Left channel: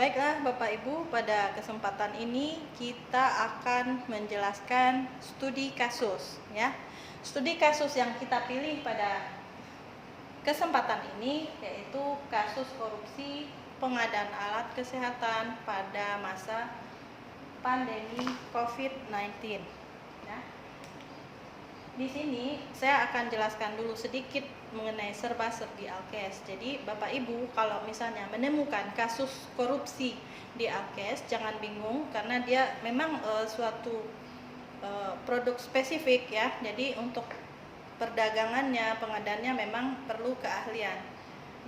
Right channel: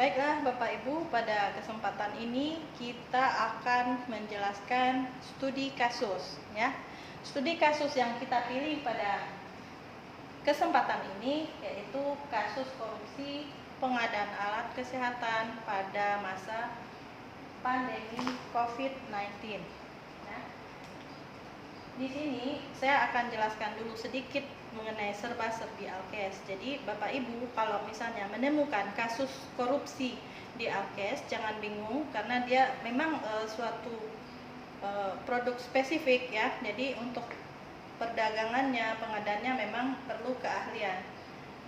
Baiklah Bapak Ibu, pada kesempatan ini kita akan menjelaskan studi kasus ya. Studi kasus yang kita pilih pada kesempatan ini yaitu kasus korupsi pengadaan alat kesehatan pada masa pandemi COVID-19. Di sini saya akan jelaskan dulu sedikit mengenai serba-serbi Alkes. Jadi Bapak Ibu kalau misalnya menemukan kasus korupsi di Alkes, jangan bingung karena dia memang suatu produk spesifik ya. Jadi untuk perdagangannya, pengadaannya memang perlu keahlian.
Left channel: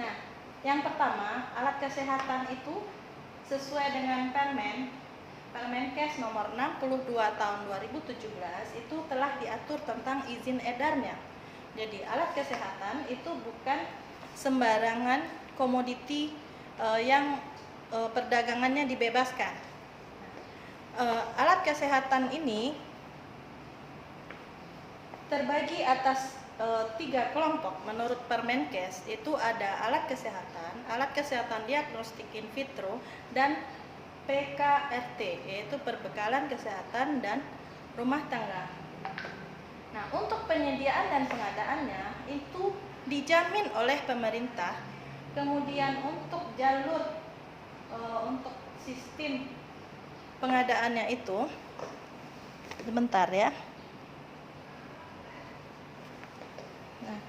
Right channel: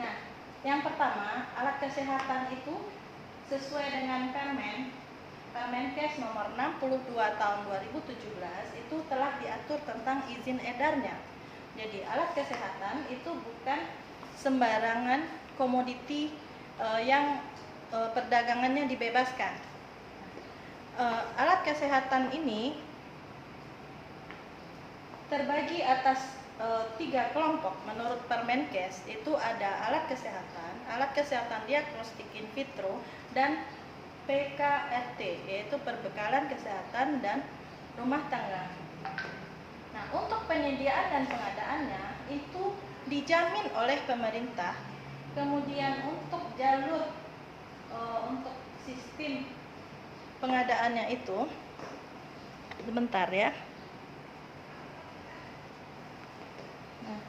Nah, yang pertama, alat kesehatan itu sesuai dengan Permenkes nomor 62 tahun 2017 itu telah diatur tentang izin edarnya. Jadi alat kesehatan itu bukan sembarangan komoditi yang perdagangannya dibebaskan. Alat kesehatan ini terbagi atas 3 kelompok menurut Permenkes. Itu ada alat kesehatan diagnostik in vitro, dan PKRT, yaitu perbekalan kesehatan dan rumah tangga. Nah, untuk penyediaan dan pengadaannya itu dijamin oleh pemerintah. Kemudian untuk jalur untuk sistem pengadaannya itu, sebentar ya. Nah,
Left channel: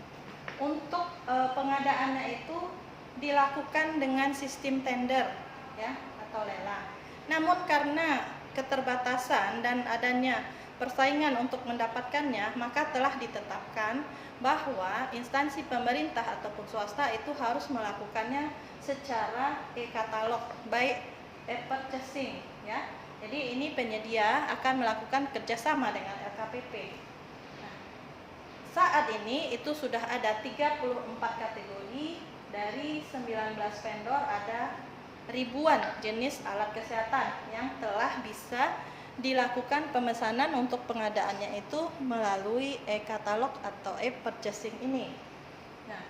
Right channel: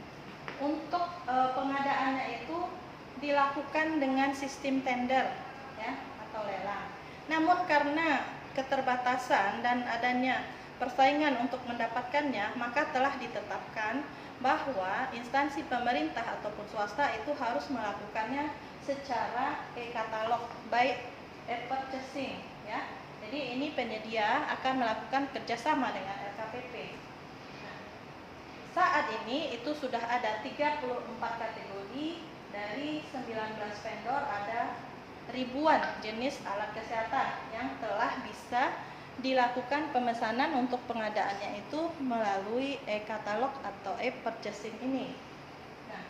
untuk pengadaannya itu dilakukan dengan sistem tender ya, atau lelang. Namun karena keterbatasan dan adanya persaingan untuk mendapatkannya, maka telah ditetapkan bahwa instansi pemerintah ataupun swasta itu harus melakukannya secara e-katalog, by e-purchasing ya. Jadi ini penyedia akan melakukan kerjasama dengan LKPP. Nah, saat ini itu sudah ada 34 kategori dari 19 vendor, ada ribuan jenis alat kesehatan yang telah bisa dilakukan pemesanan untuk pengadaannya itu melalui e-katalog atau e-purchasing ini. Nah,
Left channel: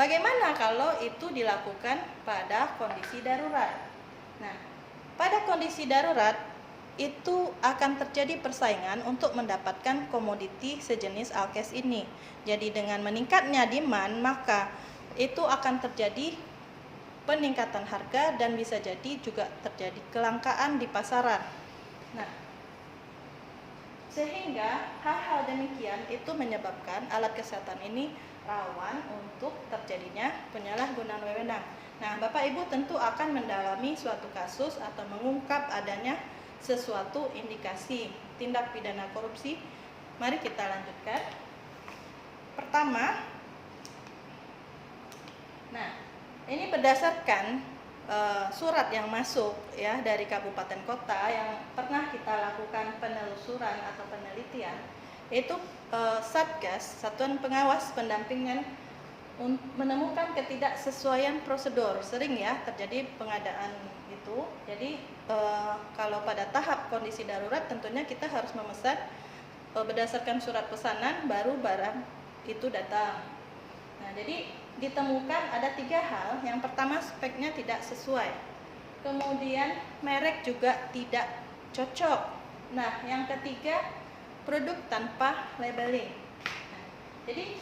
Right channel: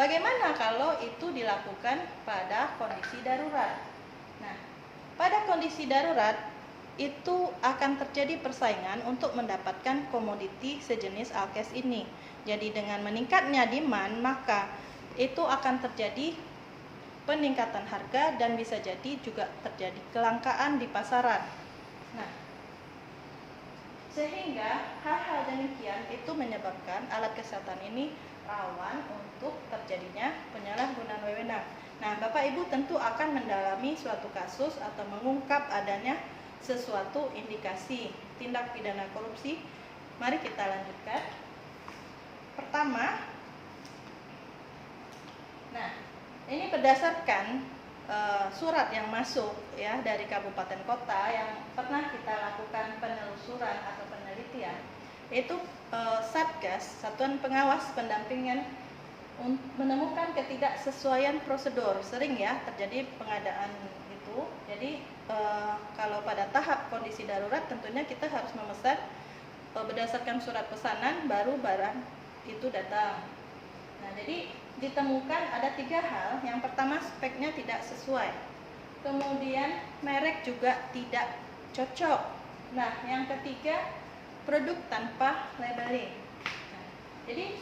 bagaimana kalau itu dilakukan pada kondisi darurat? Nah, pada kondisi darurat itu akan terjadi persaingan untuk mendapatkan komoditi sejenis Alkes ini. Jadi dengan meningkatnya demand, maka itu akan terjadi peningkatan harga dan bisa jadi juga terjadi kelangkaan di pasaran. Nah, sehingga hal-hal demikian itu menyebabkan alat kesehatan ini rawan untuk terjadinya penyalahgunaan wewenang. Nah, Bapak Ibu tentu akan mendalami suatu kasus atau mengungkap adanya sesuatu indikasi tindak pidana korupsi. Mari kita lanjutkan. Pertama, nah, ini berdasarkan surat yang masuk ya dari kabupaten kota yang pernah kita lakukan penelusuran atau penelitian, yaitu Satgas, Satuan Pengawas Pendampingan, menemukan ketidaksesuaian prosedur. Sering ya terjadi pengadaan itu. Jadi kalau pada tahap kondisi darurat tentunya kita harus memesan berdasarkan surat pesanan baru barang itu datang. Nah, jadi ditemukan ada 3 hal. Yang pertama, speknya tidak sesuai. Kemudian merek juga tidak cocok. Nah, yang ketiga, produk tanpa labeling. Nah, jadi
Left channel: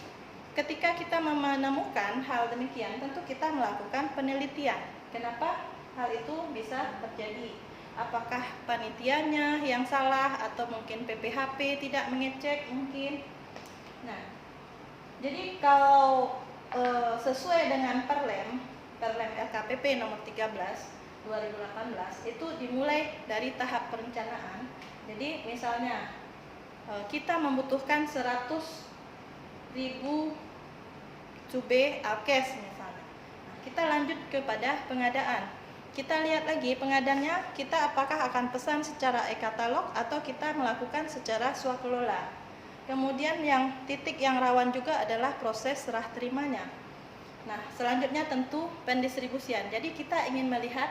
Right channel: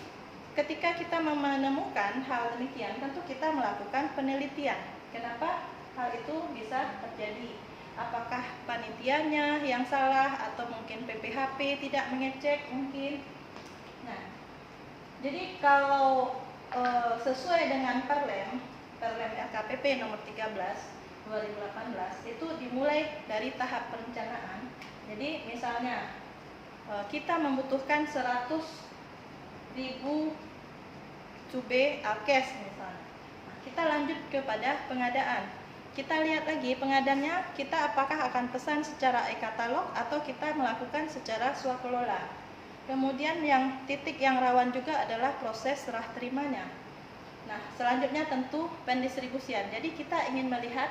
ketika kita menemukan hal demikian, tentu kita melakukan penelitian. Kenapa hal itu bisa terjadi? Apakah panitianya yang salah atau mungkin PPHP tidak mengecek mungkin. Nah, jadi kalau sesuai dengan Perlem LKPP nomor 13 2018 itu dimulai dari tahap perencanaan. Jadi misalnya kita membutuhkan 100.000 cube Alkes misalnya. Nah, kita lanjut kepada pengadaan. Kita lihat lagi pengadanya, kita apakah akan pesan secara e-katalog atau kita melakukan secara swakelola. Kemudian yang titik yang rawan juga adalah proses serah terimanya. Nah, selanjutnya tentu pendistribusian. Jadi kita ingin melihat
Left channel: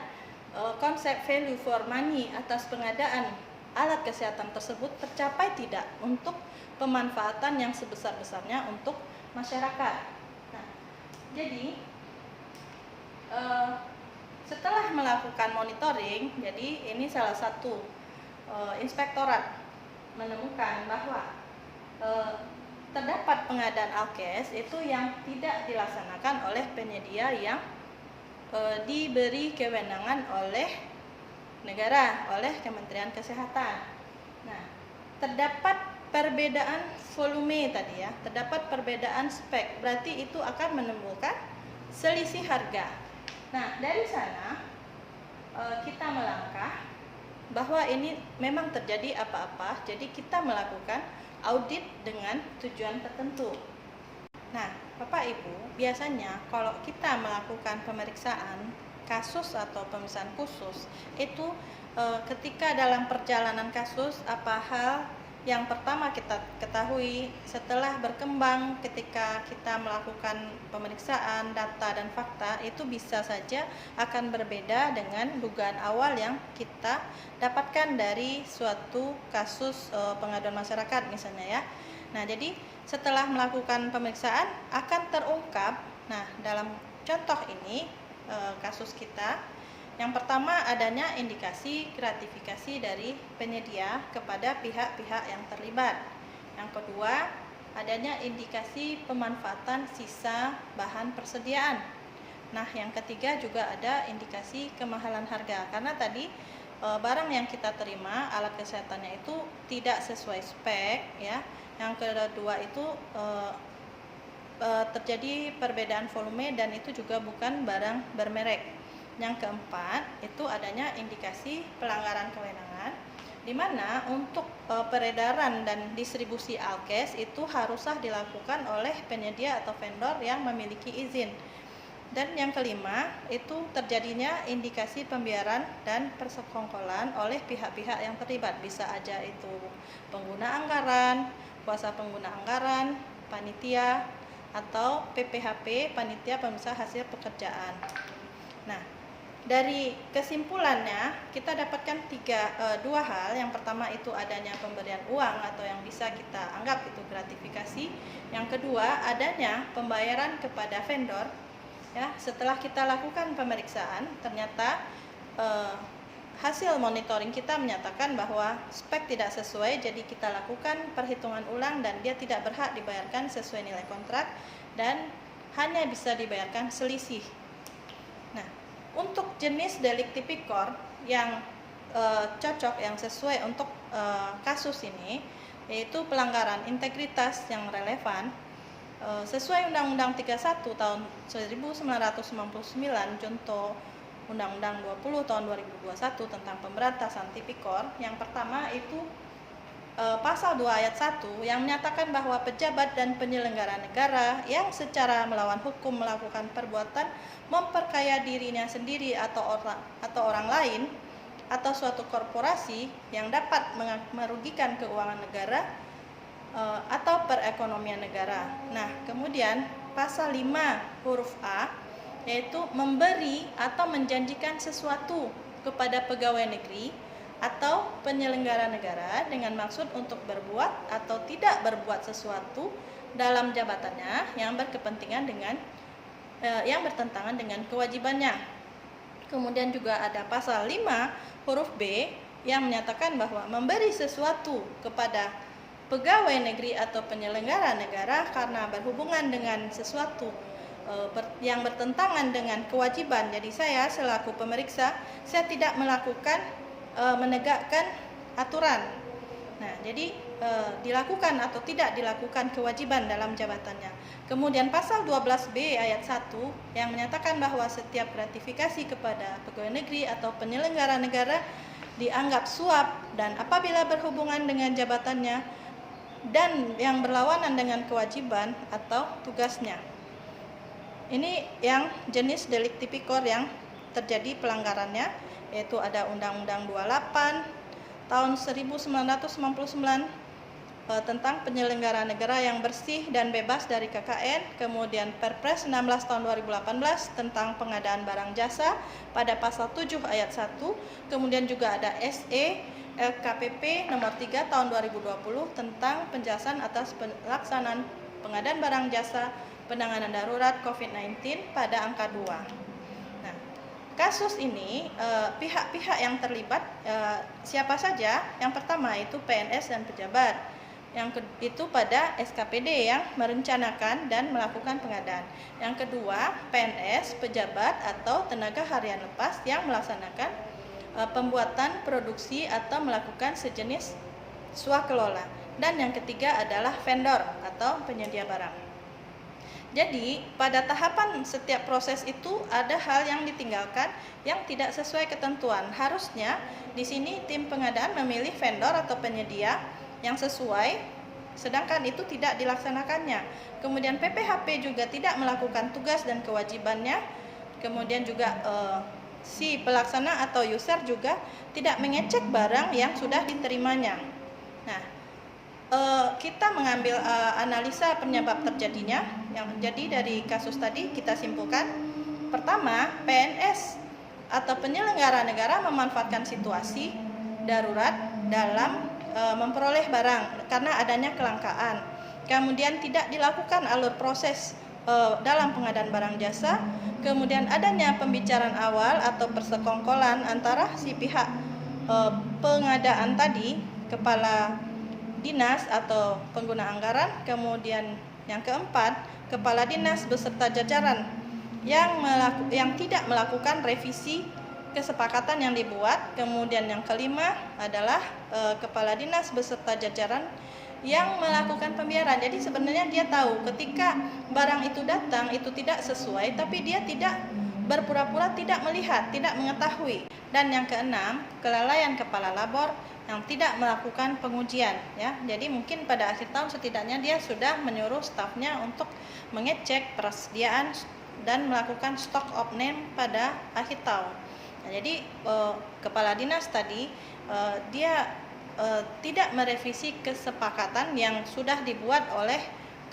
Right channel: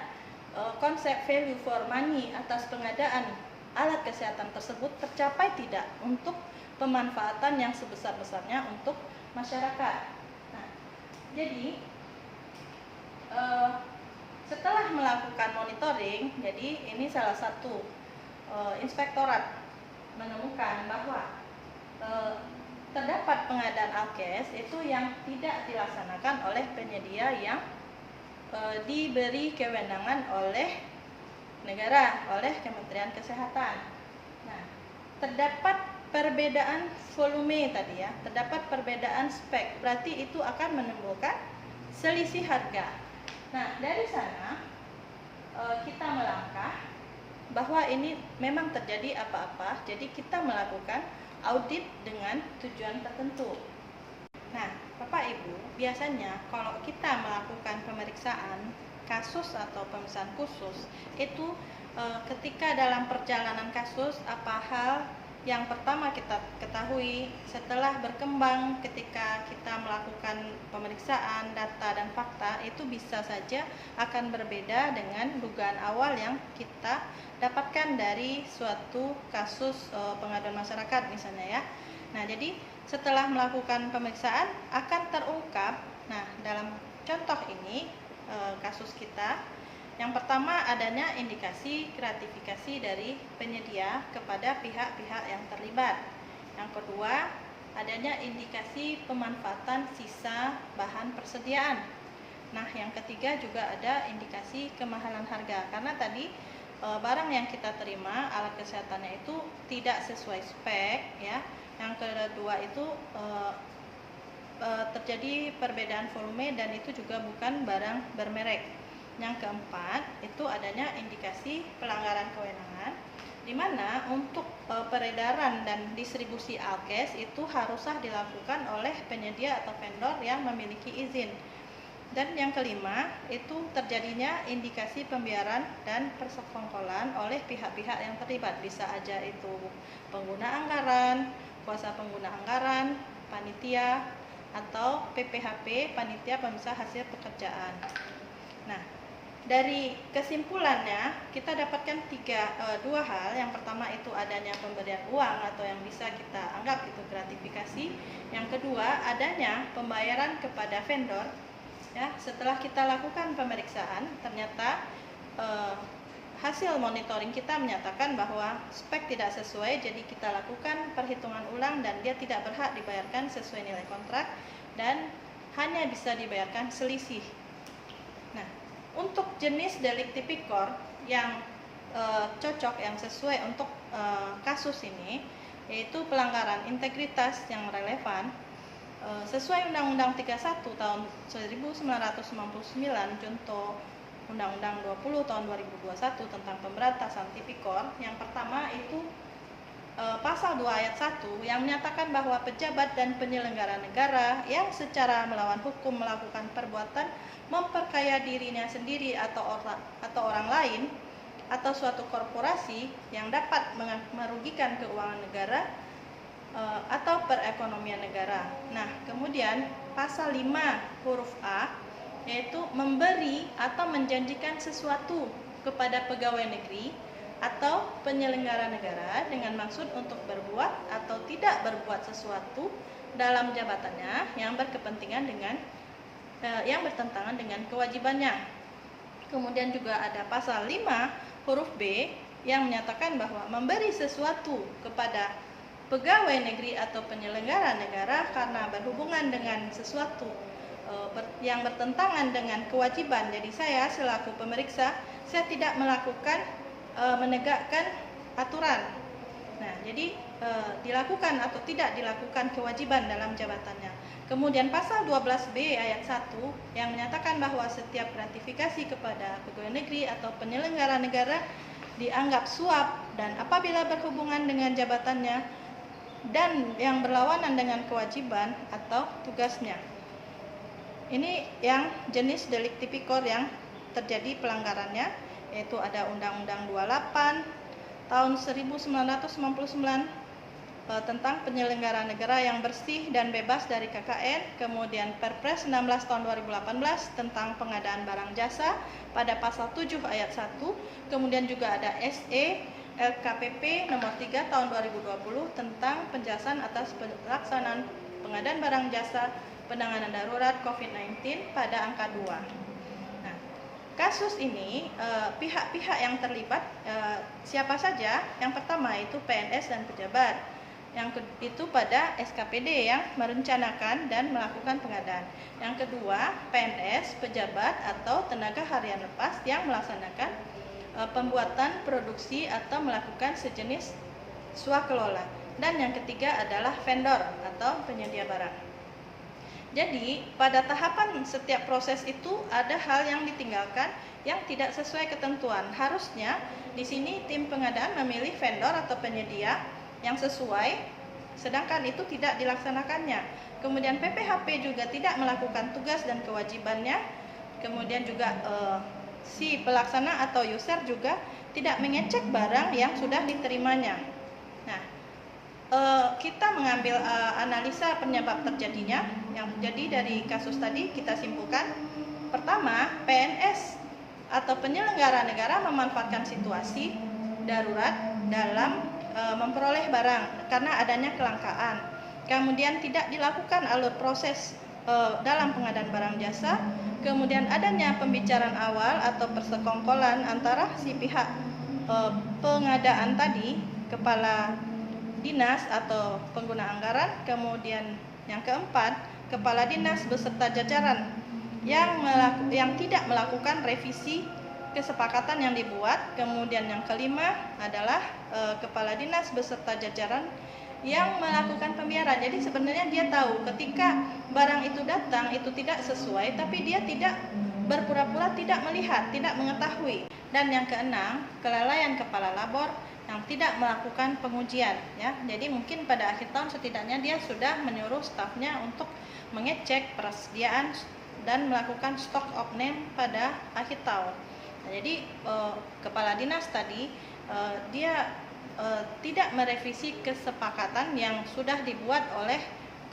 konsep value for money atas pengadaan alat kesehatan tersebut tercapai tidak untuk pemanfaatan yang sebesar-besarnya untuk masyarakat. Nah, jadi setelah melakukan monitoring, jadi ini salah satu inspektorat menemukan bahwa terdapat pengadaan alkes itu yang tidak dilaksanakan oleh penyedia yang diberi kewenangan oleh negara, oleh Kementerian Kesehatan. Nah, terdapat perbedaan volume tadi ya, terdapat perbedaan spek, berarti itu akan menimbulkan selisih harga. Nah, dari sana kita melangkah bahwa ini memang terjadi apa-apa, jadi kita melakukan audit dengan tujuan tertentu. Nah, Bapak Ibu, biasanya kalau kita melakukan pemeriksaan kasus atau pemeriksaan khusus, itu ketika dalam perjalanan kasus, apa hal yang pertama kita ketahui setelah berkembang ketika kita melakukan pemeriksaan data dan fakta, itu bisa saja akan berbeda dengan dugaan awal yang kita dapatkan dari suatu kasus pengaduan masyarakat misalnya ya. Nah, jadi setelah melakukan pemeriksaan akan terungkap. Nah, dalam contoh ini kasus kita, yang pertama adanya indikasi gratifikasi dari penyedia kepada pihak-pihak yang terlibat. Yang kedua, adanya indikasi pemanfaatan sisa bahan persediaan. Nah, yang ketiga juga ada indikasi kemahalan harga, karena tadi barang yang kita terima alat kesehatannya itu tidak sesuai spek ya. Yang kedua itu terjadi perbedaan volume dan itu juga bukan barang bermerek. Yang keempat itu adanya indikasi pelanggaran kewenangan, di mana untuk peredaran dan distribusi alkes itu haruslah dilakukan oleh penyedia atau vendor yang memiliki izin. Dan yang kelima itu terjadinya indikasi pembiaran dan persekongkolan oleh pihak-pihak yang terlibat, bisa aja itu pengguna anggaran, kuasa pengguna anggaran, panitia, atau PPHP, panitia pemisah hasil pekerjaan. Nah, dari kesimpulannya kita dapatkan dua hal. Yang pertama itu adanya pemberian uang atau yang bisa kita anggap itu gratifikasi. Yang kedua adanya pembayaran kepada vendor ya. Setelah kita lakukan pemeriksaan, ternyata hasil monitoring kita menyatakan bahwa spek tidak sesuai, jadi kita lakukan perhitungan ulang dan dia tidak berhak dibayarkan sesuai nilai kontrak dan hanya bisa dibayarkan selisih. Nah, untuk jenis delik tipikor yang cocok, yang sesuai untuk kasus ini, yaitu pelanggaran integritas yang relevan sesuai Undang-Undang 31 tahun 1999, contoh Undang-Undang 20 tahun 2021 tentang pemberantasan tipikor. Yang pertama itu pasal 2 ayat 1 yang menyatakan bahwa pejabat dan penyelenggara negara yang secara melawan hukum melakukan perbuatan memperkaya dirinya sendiri atau orang lain atau suatu korporasi yang dapat merugikan keuangan negara atau perekonomian negara. Nah, kemudian pasal 5 huruf A yaitu memberi atau menjanjikan sesuatu kepada pegawai negeri atau penyelenggara negara dengan maksud untuk berbuat atau tidak berbuat sesuatu dalam jabatannya yang berkepentingan dengan yang bertentangan dengan kewajibannya. Kemudian juga ada pasal 5 huruf B yang menyatakan bahwa memberi sesuatu kepada pegawai negeri atau penyelenggara negara karena berhubungan dengan sesuatu yang bertentangan dengan kewajiban. Jadi saya selaku pemeriksa, saya tidak melakukan menegakkan aturan. Nah, jadi dilakukan atau tidak dilakukan kewajiban dalam jabatannya. Kemudian pasal 12B ayat 1 yang menyatakan bahwa setiap gratifikasi kepada pegawai negeri atau penyelenggara negara dianggap suap dan apabila berhubungan dengan jabatannya dan yang berlawanan dengan kewajiban atau tugasnya. Ini yang jenis delik tipikor yang terjadi pelanggarannya, yaitu ada Undang-Undang 28 tahun 1999 tentang penyelenggaraan negara yang bersih dan bebas dari KKN, kemudian Perpres 16 tahun 2018 tentang pengadaan barang jasa pada pasal 7 ayat 1, kemudian juga ada SE LKPP nomor 3 tahun 2020 tentang penjelasan atas pelaksanaan pengadaan barang jasa penanganan darurat COVID-19 pada angka 2. Nah, kasus ini pihak-pihak yang terlibat siapa saja? Yang pertama itu PNS dan pejabat. Itu pada SKPD yang merencanakan dan melakukan pengadaan. Yang kedua, PNS, pejabat atau tenaga harian lepas yang melaksanakan pembuatan, produksi atau melakukan sejenis swakelola. Dan yang ketiga adalah vendor atau penyedia barang. Jadi, pada tahapan setiap proses itu ada hal yang ditinggalkan yang tidak sesuai ketentuan. Harusnya di sini tim pengadaan memilih vendor atau penyedia yang sesuai, sedangkan itu tidak dilaksanakannya. Kemudian PPHP juga tidak melakukan tugas dan kewajibannya. Kemudian juga si pelaksana atau user juga tidak mengecek barang yang sudah diterimanya. Nah, kita mengambil analisa penyebab terjadinya. Yang jadi dari kasus tadi kita simpulkan, pertama, PNS atau penyelenggara negara memanfaatkan situasi darurat dalam memperoleh barang karena adanya kelangkaan. Kemudian tidak dilakukan alur proses dalam pengadaan barang jasa. Kemudian adanya pembicaraan awal atau persekongkolan antara si pihak pengadaan tadi, kepala dinas atau pengguna anggaran. Kemudian yang keempat, kepala dinas beserta jajaran yang tidak melakukan revisi kesepakatan yang dibuat. Kemudian yang kelima adalah kepala dinas beserta jajaran yang melakukan pembiaran. Jadi sebenarnya dia tahu ketika barang itu datang itu tidak sesuai, tapi dia tidak berpura-pura tidak melihat, tidak mengetahui. Dan yang keenam, kelalaian kepala labor yang tidak melakukan pengujian, ya. Jadi mungkin pada akhir tahun setidaknya dia sudah menyuruh stafnya untuk mengecek persediaan dan melakukan stock of name pada akhir tahun. Nah, jadi kepala dinas tadi dia tidak merevisi kesepakatan yang sudah dibuat oleh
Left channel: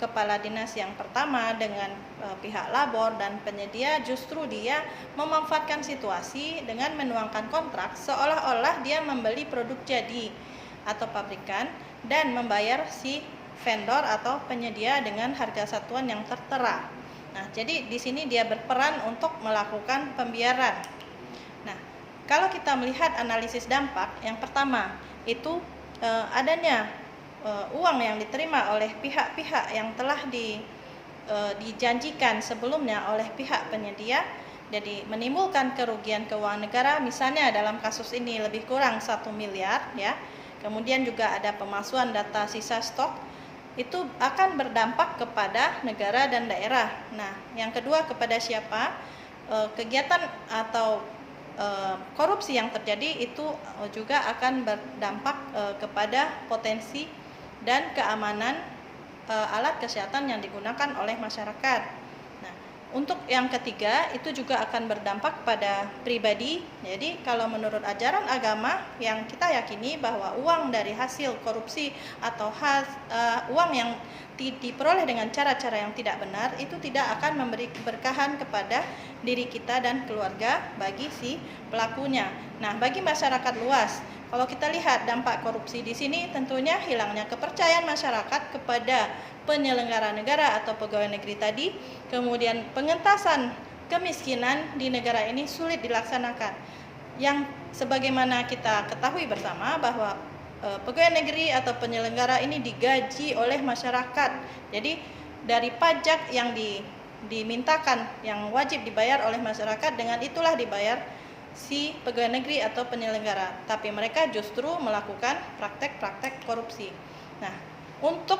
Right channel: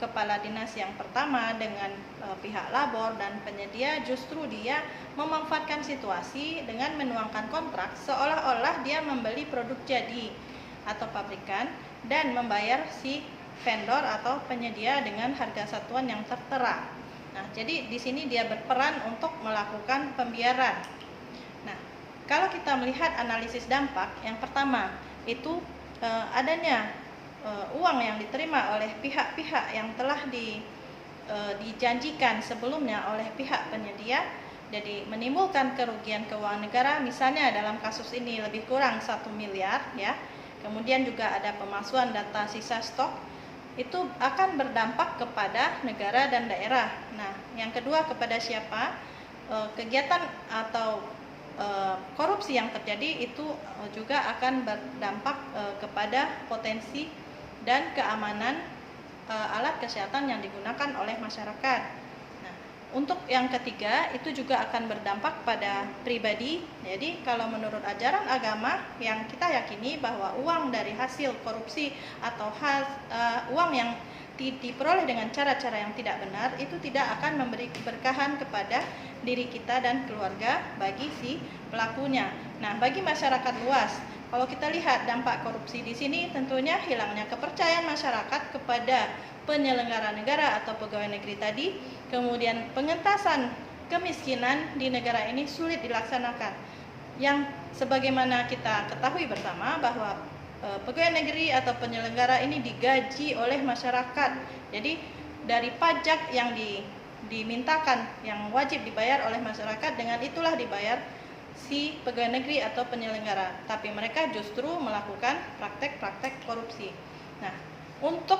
kepala dinas yang pertama dengan pihak labor dan penyedia. Justru dia memanfaatkan situasi dengan menuangkan kontrak seolah-olah dia membeli produk jadi atau pabrikan dan membayar si vendor atau penyedia dengan harga satuan yang tertera. Nah, jadi di sini dia berperan untuk melakukan pembiaran. Nah, kalau kita melihat analisis dampak, yang pertama itu adanya uang yang diterima oleh pihak-pihak yang telah dijanjikan sebelumnya oleh pihak penyedia, jadi menimbulkan kerugian keuangan negara. Misalnya dalam kasus ini lebih kurang 1 miliar, ya. Kemudian juga ada pemalsuan data sisa stok, itu akan berdampak kepada negara dan daerah. Nah, yang kedua kepada siapa? Kegiatan atau korupsi yang terjadi itu juga akan berdampak kepada potensi dan keamanan alat kesehatan yang digunakan oleh masyarakat. Nah, untuk yang ketiga itu juga akan berdampak pada pribadi. Jadi kalau menurut ajaran agama yang kita yakini bahwa uang dari hasil korupsi atau uang yang diperoleh dengan cara-cara yang tidak benar itu tidak akan memberi keberkahan kepada diri kita dan keluarga bagi si pelakunya. Nah, bagi masyarakat luas, kalau kita lihat dampak korupsi di sini tentunya hilangnya kepercayaan masyarakat kepada penyelenggara negara atau pegawai negeri tadi. Kemudian pengentasan kemiskinan di negara ini sulit dilaksanakan. Yang sebagaimana kita ketahui bersama bahwa pegawai negeri atau penyelenggara ini digaji oleh masyarakat. Jadi dari pajak yang dimintakan yang wajib dibayar oleh masyarakat, dengan itulah dibayar si pegawai negeri atau penyelenggara, tapi mereka justru melakukan praktek-praktek korupsi. Nah, untuk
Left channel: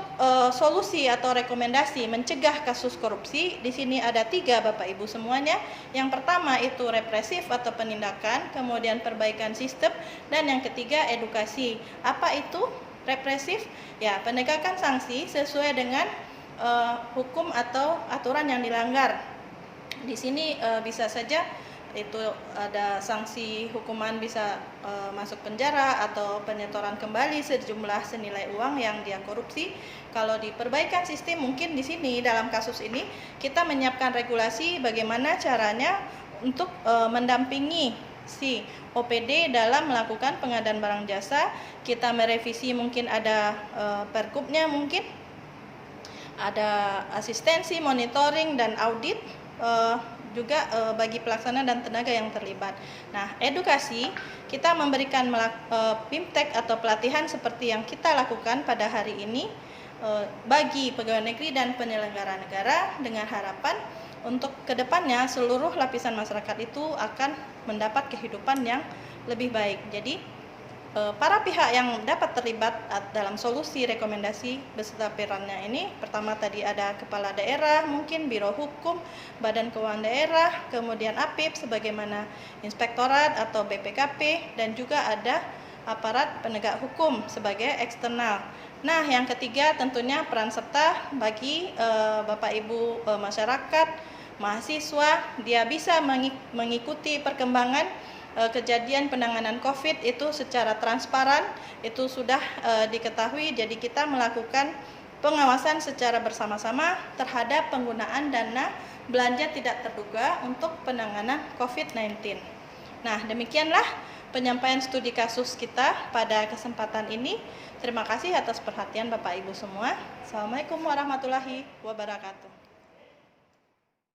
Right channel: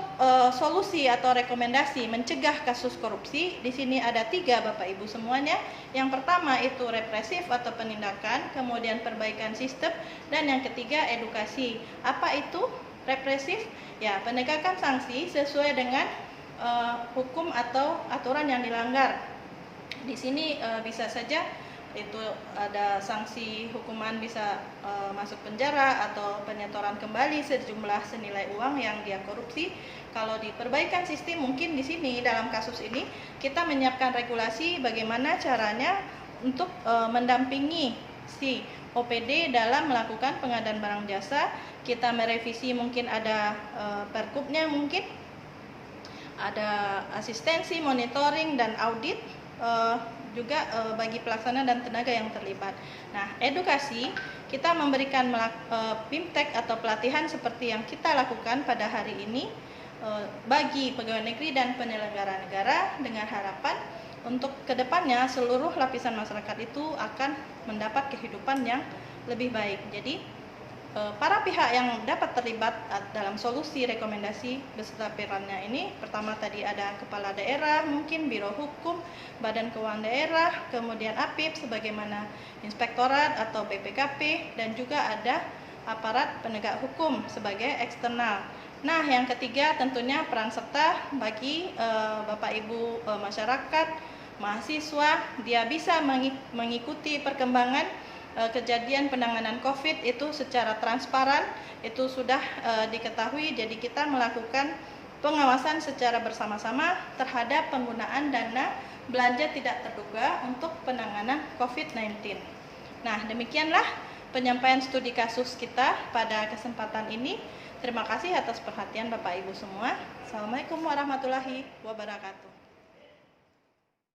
solusi atau rekomendasi mencegah kasus korupsi di sini ada 3 Bapak Ibu semuanya. Yang pertama itu represif atau penindakan, kemudian perbaikan sistem, dan yang ketiga edukasi. Apa itu represif? Ya, penegakan sanksi sesuai dengan hukum atau aturan yang dilanggar. Di sini bisa saja itu ada sanksi hukuman, bisa masuk penjara atau penyetoran kembali sejumlah senilai uang yang dia korupsi. Kalau di perbaikan sistem, mungkin di sini dalam kasus ini kita menyiapkan regulasi bagaimana caranya untuk mendampingi si OPD dalam melakukan pengadaan barang jasa. Kita merevisi, mungkin ada pergubnya, mungkin ada asistensi, monitoring, dan audit juga bagi pelaksana dan tenaga yang terlibat. Nah, edukasi kita memberikan BIMTEK atau pelatihan seperti yang kita lakukan pada hari ini bagi pegawai negeri dan penyelenggara negara dengan harapan untuk kedepannya seluruh lapisan masyarakat itu akan mendapat kehidupan yang lebih baik. Jadi para pihak yang dapat terlibat dalam solusi rekomendasi beserta perannya ini, pertama tadi ada kepala daerah, mungkin biro hukum, badan keuangan daerah, kemudian APIP sebagaimana inspektorat atau BPKP, dan juga ada aparat penegak hukum sebagai eksternal. Nah, yang ketiga tentunya peran serta bagi Bapak Ibu masyarakat, mahasiswa, dia bisa mengikuti perkembangan kejadian penanganan COVID itu secara transparan, itu sudah diketahui. Jadi kita melakukan pengawasan secara bersama-sama terhadap penggunaan dana belanja tidak terduga untuk penanganan COVID-19. Nah, demikianlah penyampaian studi kasus kita pada kesempatan ini. Terima kasih atas perhatian Bapak Ibu semua. Assalamualaikum warahmatullahi wabarakatuh.